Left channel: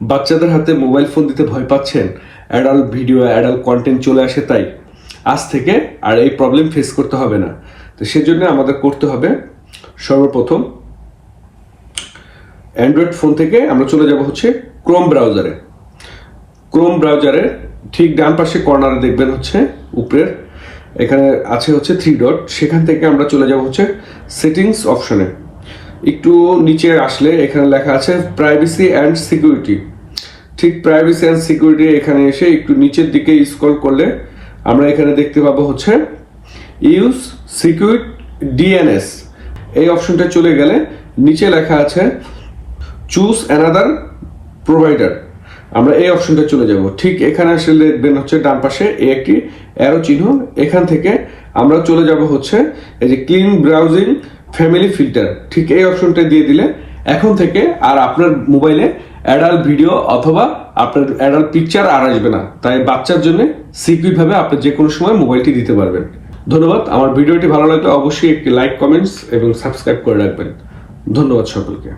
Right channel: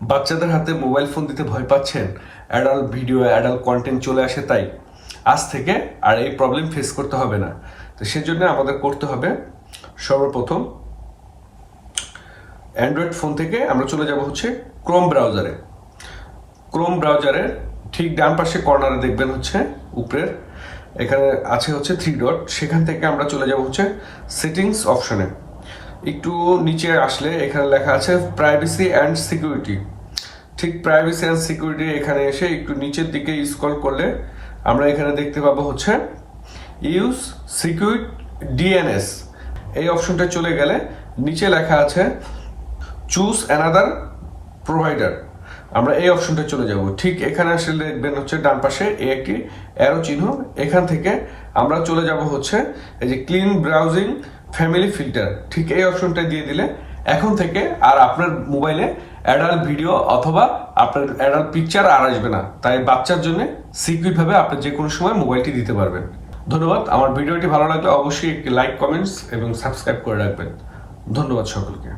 বাচ্চাদের হাতে mobile phone দিতে ভয় পাচ্ছেন, অ্যাডাল্ট ভিডিও অ্যাডাল্ট কন্টেন্ট চলে আসে, তাই আজ থেকে আর এই প্রবলেম ফেস করতে হবে না। তো সেজন্য আমাদের করতে হবে, সর্বপ্রথম অ্যান্ড্রয়েড ফোন থেকে আমরা চলে যাব হচ্ছে ক্রোম ব্রাউজারে। ক্রোম ব্রাউজারের ঠিক ডান পাশে কর্নারে দেখবেন হচ্ছে উপরের এখানে আছে হচ্ছে 3 ডট, সেখান থেকে আমরা চলে যাব হচ্ছে সেটিংস অপশনে। একটু নিচে আসলে এখানে লেখা আছে প্রাইভেসি অ্যান্ড সিকিউরিটি। ঠিক প্রাইভেসি অ্যান্ড সিকিউরিটি এখানে এসে একটু নিচের দিকে স্ক্রল করলে আমরা এখানে দেখতে পাবো হচ্ছে ইউজ সিকিউর ডিএনএস। এই অপশনটা চলে গেলে নিচে লেখা আছে চুজ অ্যানাদার প্রোভাইডার, আমরা এই অপশনটা চলে যাব। ঠিক এখানে আসলে দেখবেন হচ্ছে ডান পাশে একটি অ্যারো চিহ্ন, এখান থেকে আমরা চলে যাব হচ্ছে এই যে ক্লিন ব্রাউজিং ফ্যামিলি ফিল্টার। ঠিক এই অপশনটা দিয়ে দিলে এখন থেকে আর আপনার মোবাইলে অ্যাডাল্ট ভিডিও অথবা আপনার অ্যাডাল্ট পিকচার আর আসবে না। তাই বাচ্চার জন্য সিকিউর ভাবে আপনি যে কোনো সময় মোবাইলটি দিতে পারবেন। ধন্যবাদ। আমার ভিডিওটি ভালো লাগলে অবশ্যই একটি লাইক, কমেন্টস এবং সাবস্ক্রাইব করে রাখবেন। ধন্যবাদ সকলকে।